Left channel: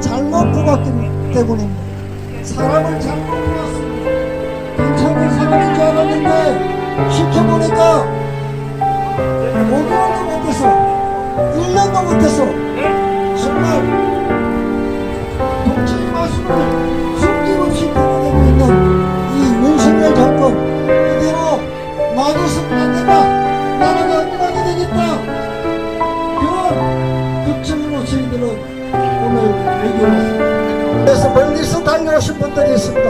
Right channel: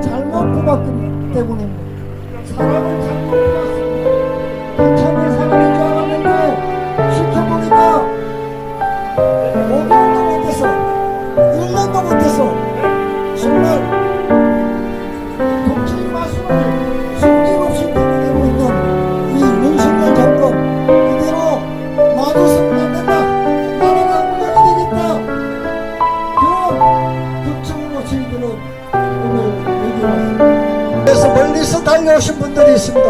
잘못 뽑았기 때문입니다. 사람을 잘못 뽑았습니다. 괜찮은 사람인 줄 알았는데 시켜보니까 5년도 못해서 1년도 못해서 정말 정치인 말씀을 숨김없이 드러내고 있는 이 윤석열 정권, 이대로 놔뒀으면 안 된다, 나라가 무너게 되겠다, 그런 특징 모습들은 오늘 그래서 멀리서 달려오신 분들이 있습니다.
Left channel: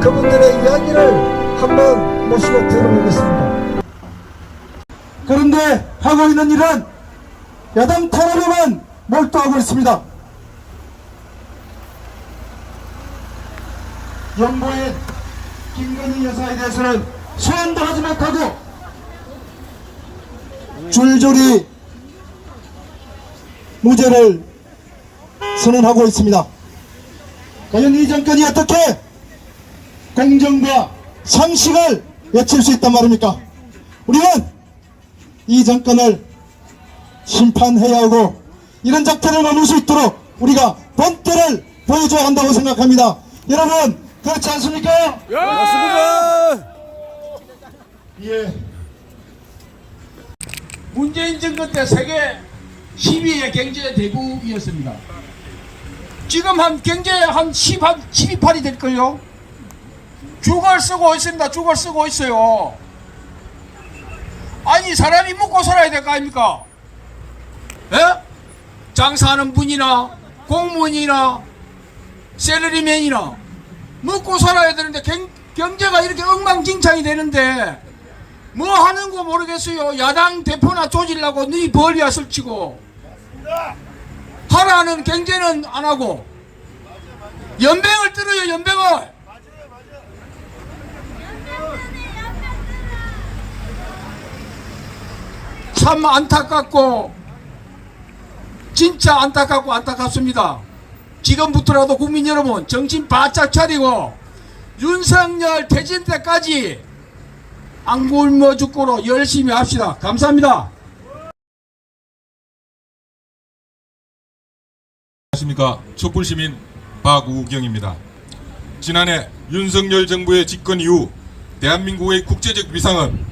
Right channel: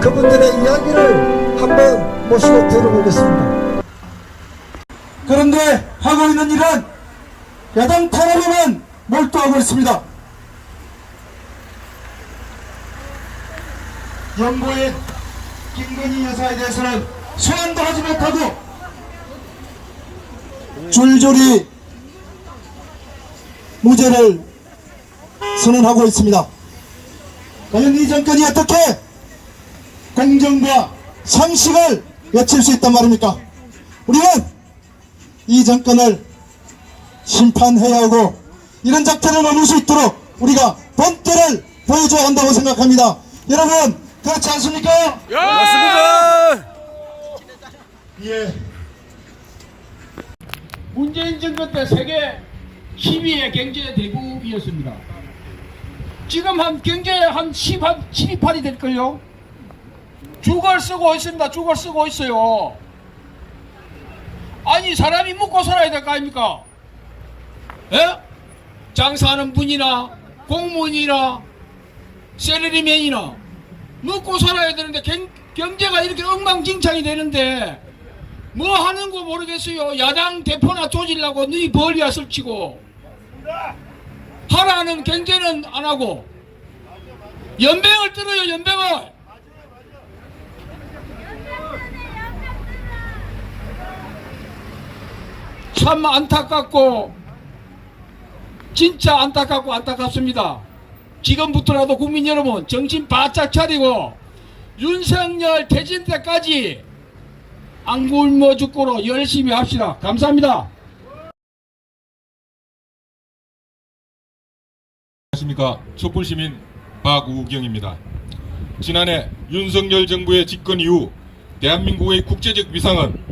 그분들의 이야기를 한번 모시고 들어보겠습니다. 그런데 하고 있는 일은 야당 탄압에만 몰두하고 있습니다. 연보인 김건희 여사에 대해서는 소환도 하지 못하고 줄줄이 무죄를 선언하고 있습니다. 과연 이 정권이 어떻게 공정과 상식을 외칠 수 있단 말입니까? 우리는 이 정권을 심판해야 하고 이런 작태를 넘을 수 있도록 우리가 본때를 보여줘야 한다고 생각합니다. 여러분 그렇지 않습니까? 예! 맞습니다. 예. 문재인 정권 때 세계 10위의 경제 대국이었습니다. 지금 한 경제 한 12팔이 될걸요? 죽을 쓰고 있습니다. 죽을 쓰고 있어요. 아니 사람이 먹고 살아야 될 거 아닙니까? 예? 장사하는 분이나 공무원이나 셀러리맨이나 먹고 살아야 되는데 경제가 이렇게 엉망진창이 되는데 뭐 하는 거 모르겠어요. 야당 대표나 조질라고 너희 벌이야 설치고 하라는 경제는 안 하고 연병을 들어요. 연병을. 참 안타깝고 진짜 안타깝고 안타깝습니다. 지금부터라도 국민 여러분 정신 바짝 차리고 윤석열 퇴진 때까지 안 굶어 죽고로 열심히 합시다. 감사합니다. 안녕하십니까. 촛불시민 박우경입니다. 지난해 윤석열 정부의 집권 이후 대한민국의 국제적 위상은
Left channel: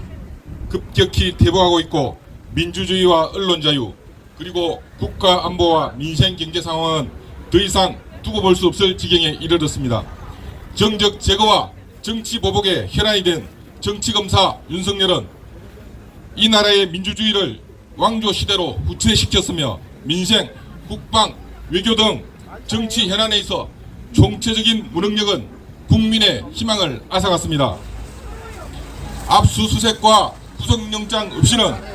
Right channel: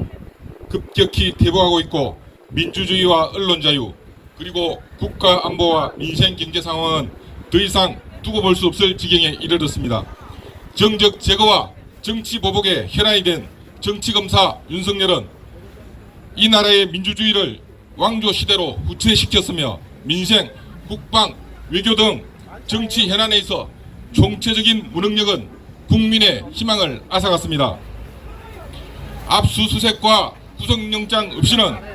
급격히 퇴보하고 있고 민주주의와 언론 자유 그리고 국가 안보와 민생 경제 상황은 더 이상 두고 볼 수 없을 지경에 이르렀습니다. 정적 제거와 정치 보복의 혈안이 된 정치검사 윤석열은 이 나라의 민주주의를 왕조 시대로 후퇴시켰으며 민생, 국방, 외교 등 정치 현안에 있어 총체적인 무능력은 국민의 희망을 앗아갔습니다. 압수수색과 구속영장 없이는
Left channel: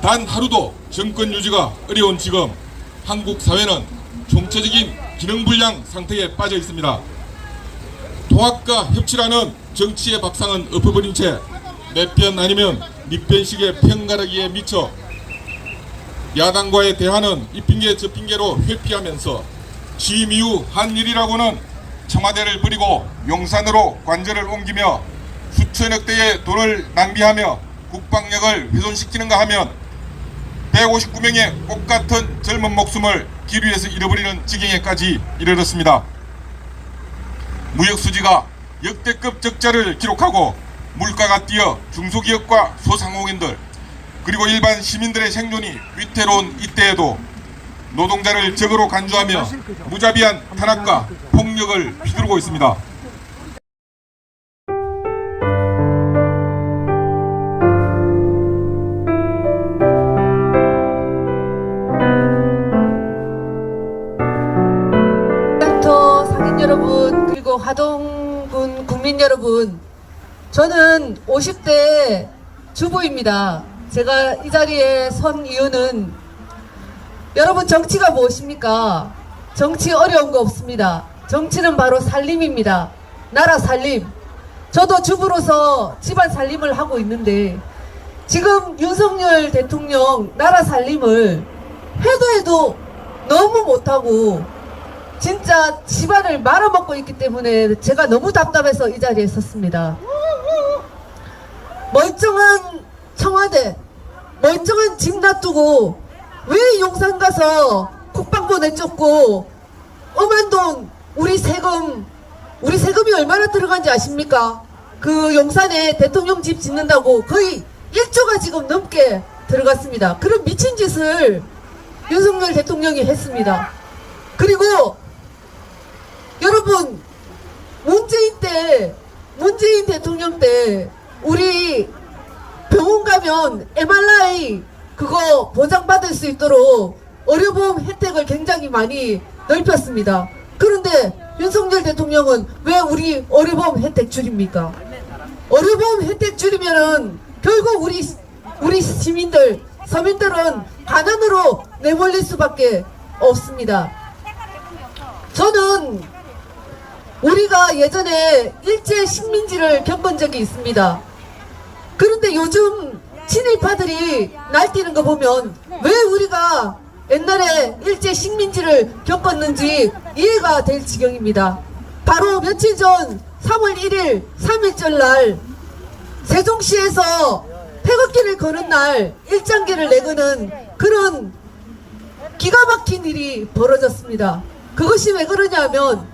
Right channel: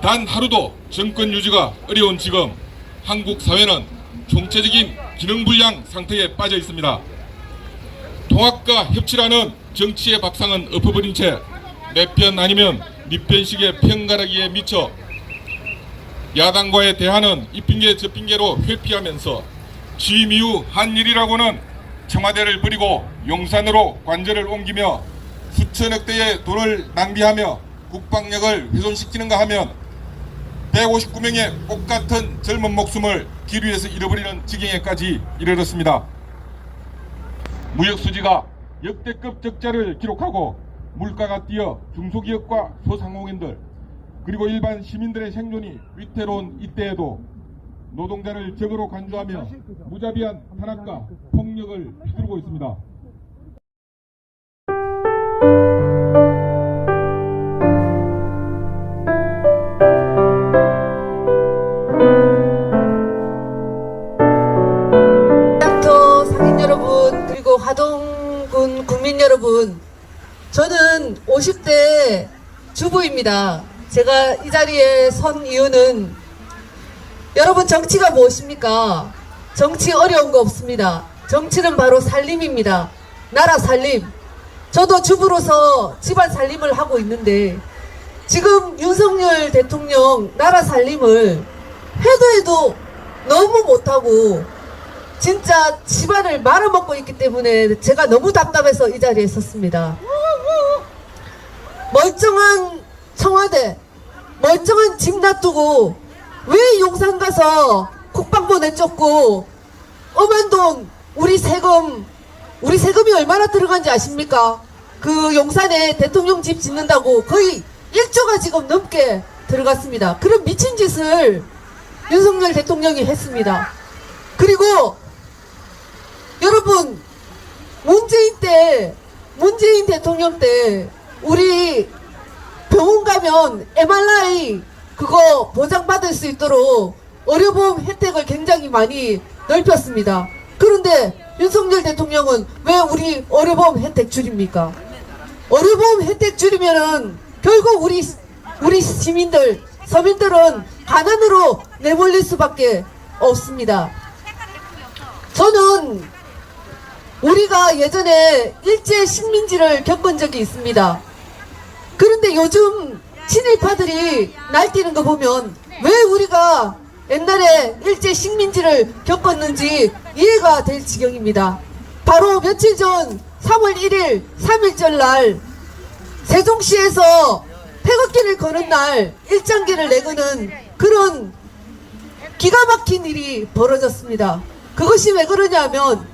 단 하루도 정권 유지가 어려운 지금 한국 사회는 총체적인 기능불량 상태에 빠져 있습니다. 통합과 협치라는 정치의 밥상은 엎어버린 채 내 편 아니면 네 편식의 편가르기에 미쳐 야당과의 대화는 이 핑계 저 핑계로 회피하면서 취임 이후 한 일이라고는 청와대를 버리고 용산으로 관절을 옮기며 수천억 대의 돈을 낭비하며 국방력을 훼손시키는가 하면 159명의 꽃같은 젊은 목숨을 길 위에서 잃어버리는 지경에까지 이르렀습니다. 무역수지가 역대급 적자를 기록하고 물가가 뛰어 중소기업과 소상공인들 그리고 일반 시민들의 생존이 위태로운 이때에도 노동자를 적으로 간주하며 무자비한 탄압과 폭력을 휘두르고 있습니다. 상인 여러분 그리고 화동군 국민 여러분, 저는 50대 주부입니다. 제가 이 자리에 선 이유는 여러분, 정치가 무엇입니까? 정치 어려운 거 없습니다. 정치는 바로 살림입니다. 나라 살림. 저도 주부로서 집안 살림을 하고 있는데 지금 윤석열 대통령 나라 살림을 해도 너무 못하고 진짜 집안을 말아먹고 있기 때문에 제가 너무 답답해서 이 자리에 섰습니다. 멀쩡한 청와대, 멀쩡한 집 놔두고 왜 용산 가서 국방부 내쫓고 엄한 돈, 우리 세금이 얼마나 들어간지 아십니까? 그 용산에 대통령 집 짓는다고 거의 1조가 지금 넘게 들어갔습니다. 그런 미친 짓을 윤석열 대통령이 했습니다. 그리고 여러분, 문재인 대통령 때 우리 병원 가면 MRI 그거 보장받을 수 있도록 의료보험 혜택을 굉장히 많이 넓혔습니다. 그런데 윤석열 대통령은 왜 우리 의료보험 혜택 줄입니까? 의료보험 혜택 줄이면은 결국 우리 시민들, 서민들은 가난으로 내몰릴 수밖에 없습니다. 저는 우리가 예전에 일제 식민지를 겪은 적이 있습니다. 그런데 요즘 친일파들이 날뛰는 거 보면 왜 우리가 옛날에 일제 식민지를 겪었는지 이해가 될 지경입니다. 바로 며칠 전 3월 1일 3.1절 날 세종시에서 태극기를 거는 날 일장기를 내거는 그런 기가 막힌 일이 벌어졌습니다. 그것이 왜 그러냐면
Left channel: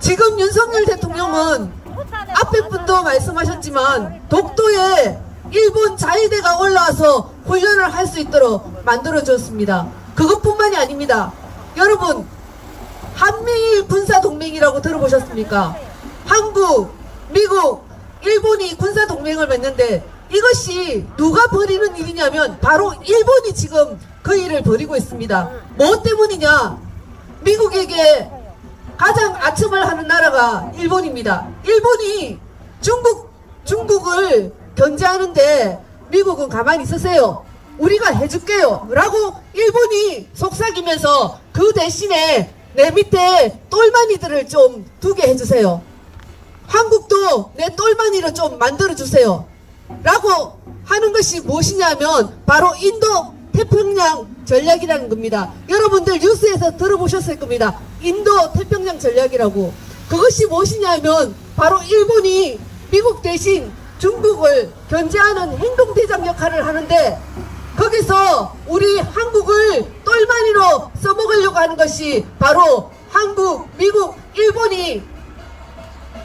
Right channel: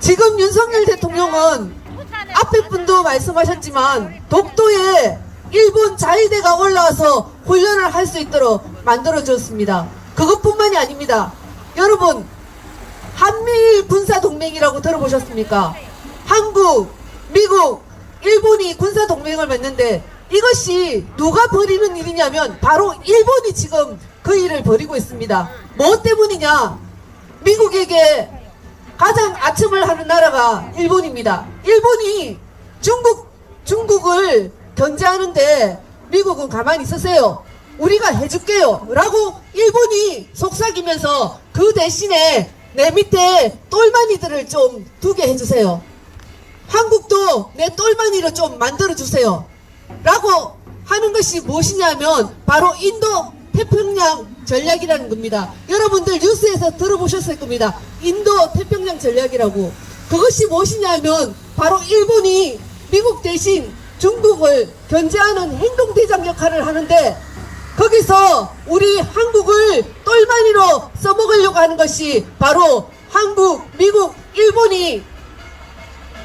지금 윤석열 대통령은 앞에 분도 말씀하셨지만 독도에 일본 자위대가 올라와서 훈련을 할 수 있도록 만들어줬습니다. 그것뿐만이 아닙니다. 여러분, 한미일 군사동맹이라고 들어보셨습니까? 한국, 미국, 일본이 군사동맹을 맺는데 이것이 누가 벌이는 일이냐면 바로 일본이 지금 그 일을 벌이고 있습니다. 뭐 때문이냐? 미국에게 가장 아첨을 하는 나라가 일본입니다. 일본이 중국을 견제하는데 미국은 가만히 있으세요. 우리가 해줄게요 라고 일본이 속삭이면서 그 대신에 내 밑에 똘마니들을 좀 두게 해주세요. 한국도 내 똘마니를 좀 만들어주세요 라고 하는 것이 무엇이냐면 바로 인도 태평양 전략이라는 겁니다. 여러분들 뉴스에서 들어보셨을 겁니다. 인도 태평양 전략이라고. 그것이 무엇이냐면 바로 일본이 미국 대신 중국을 견제하는 행동대장 역할을 하는데 거기서 우리 한국을 똘마니로 써먹으려고 하는 것이 바로 한국, 미국, 일본이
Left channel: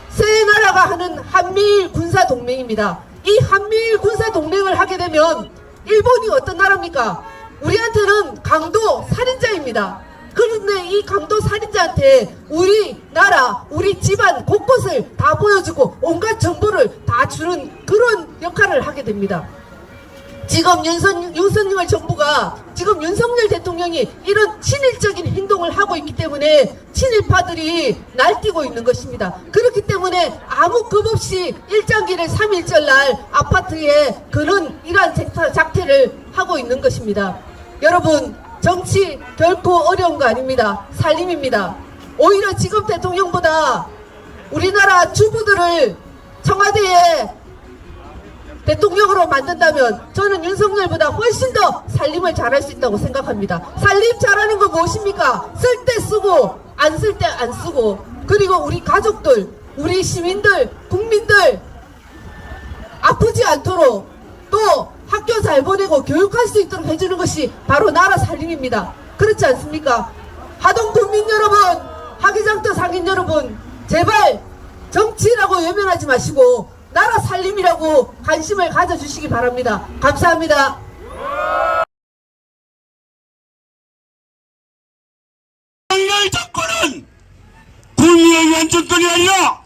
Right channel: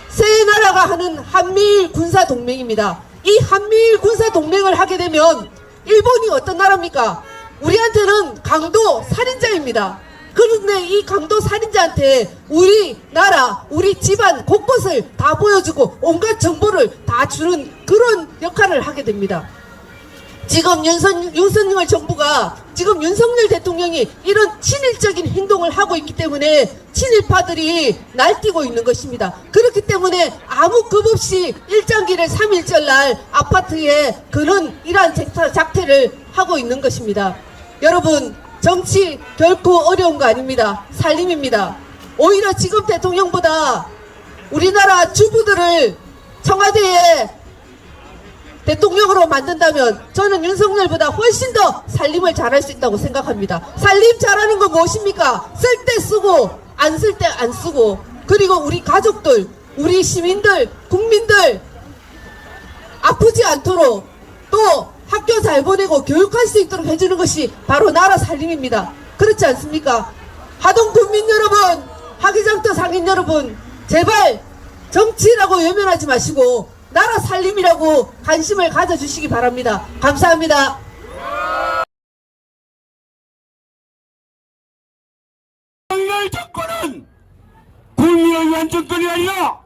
세 나라가 하는 한미일 군사동맹입니다. 이 한미일 군사동맹을 하게 되면 일본이 어떤 나라입니까? 우리한테는 강도 살인자입니다. 그런데 이 강도 살인자한테 우리 나라, 우리 집안 곳곳을 다 보여주고 온갖 정보를 다 주는 그런 역할을 하게 됩니다. 지금 윤석열 정부가 지금 윤석열 대통령이 이런 친일적인 행동을 하고 있기 때문에 친일파들이 날뛰고 있는 것입니다. 그렇기 때문에 아무 급 없이 일장기를 3.1절 날 아파트에 그런 이러한 작태를 하고 있는 것입니다. 여러분, 정치 결코 어려운 거 아닙니다. 살림입니다. 오히려 지금 대통령보다 우리나라 주부들을 청와대에 대통령으로 만든다면 저는 윤석열보다 훨씬 더 살림을 잘할 수 있다고 생각합니다. 살림 잘하는 건 무엇입니까? 쓸 때 쓰고 안 쓸 때 안 쓰고, 그리고 우리 가족들, 우리 시민들, 국민들 아프지 않도록 또 학교 잘 보내고 교육할 수 있도록 해주는 것이 바로 나라 살림입니다. 그렇지 않습니까? 하동 국민 여러분, 하기장터 상인 여러분, 제발 정치라고 외면하지 마시고 나라 살림이라고 관심을 가져주시기 바랍니다. 감사합니다. 윤석열 정권은 국민을 위한 정권이 아니라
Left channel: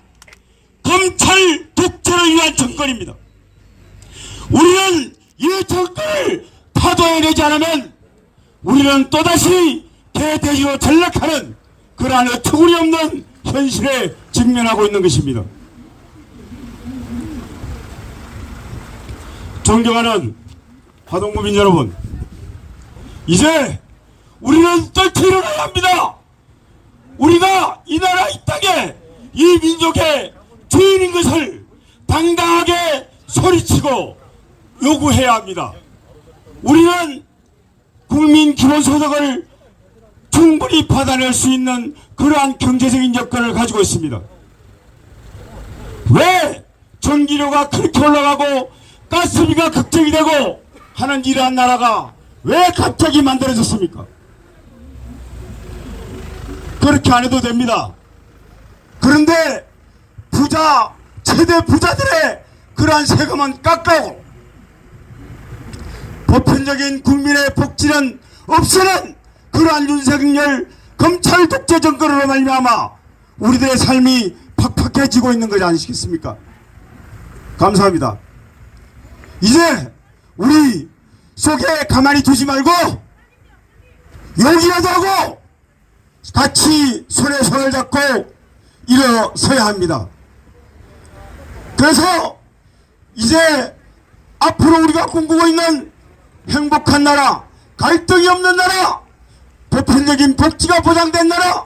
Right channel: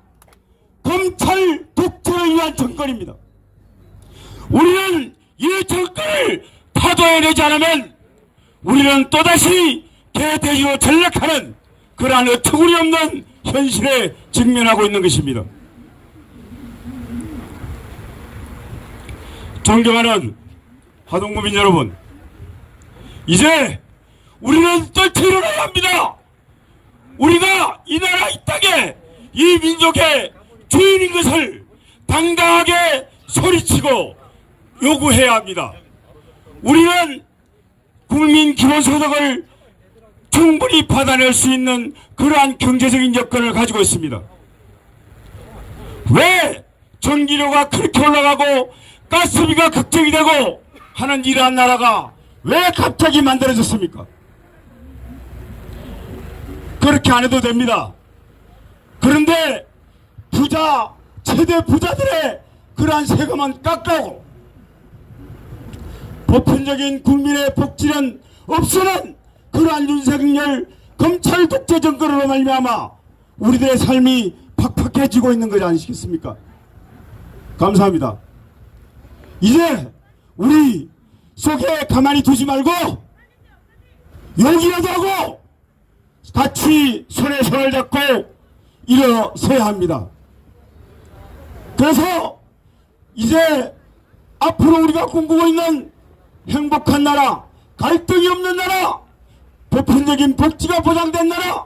검찰 독재를 위한 정권입니다. 우리는 이 정권을 파도해내지 않으면 우리는 또다시 개돼지로 전락하는 그러한 어처구니 없는 현실에 직면하고 있는 것입니다. 존경하는 하동구민 여러분, 이제 우리는 떨쳐 일어나야 합니다. 우리가 이 나라 이 땅에 이 민족의 주인인 것을 당당하게 소리치고 요구해야 합니다. 우리는 국민 기본소득을 충분히 받아낼 수 있는 그러한 경제적인 여건을 가지고 있습니다. 왜 전기료가 그렇게 올라가고 가스비가 걱정이 되고 하는 이러한 나라가 왜 갑자기 만들어졌습니까? 그렇게 안 해도 됩니다. 그런데 최대 부자들의 그러한 세금은 깎고 보편적인 국민의 복지는 없애는 그러한 윤석열 검찰 독재 정권으로 말미암아 우리들의 삶이 팍팍해지고 있는 것이 아니시겠습니까? 감사합니다. 이제 우리 속에 가만히 두지 말고 용기라도 하고 같이 손에 손을 잡고 일어서야 합니다. 그래서 이제 앞으로 우리가 꿈꾸고 있는 행복한 나라, 갈등이 없는 나라, 보편적인 복지가 보장된 나라,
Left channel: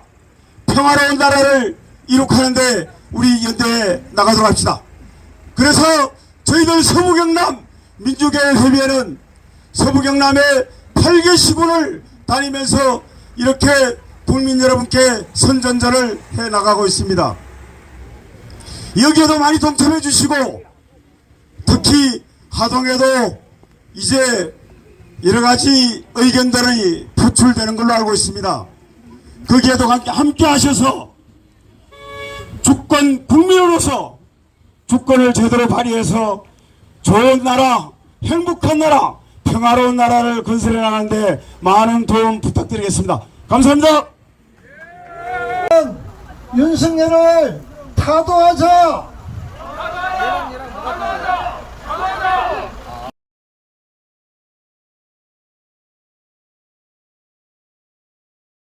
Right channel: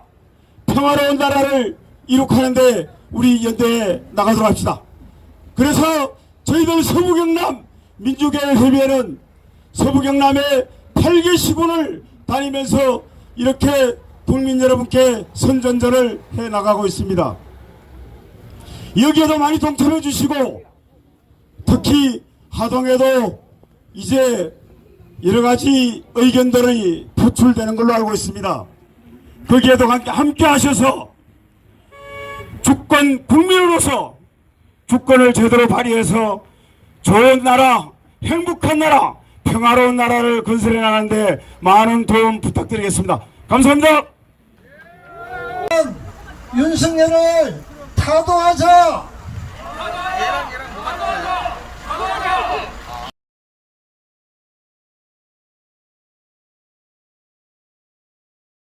평화로운 나라를 이룩하는데 우리 연대에 나가도록 합시다. 그래서 저희들 서부경남 민주개혁협의회는 서부경남의 8개 시군을 다니면서 이렇게 국민 여러분께 선전전을 해나가고 있습니다. 여기에도 많이 동참해 주시고 특히 하동에도 이제 여러가지 의견들이 표출되는 걸로 알고 있습니다. 거기에도 함께 하셔서 주권 국민으로서 주권을 제대로 발휘해서 좋은 나라, 행복한 나라, 평화로운 나라를 건설해 나가는데 많은 도움 부탁드리겠습니다. 감사합니다. 윤석열을 타도하자.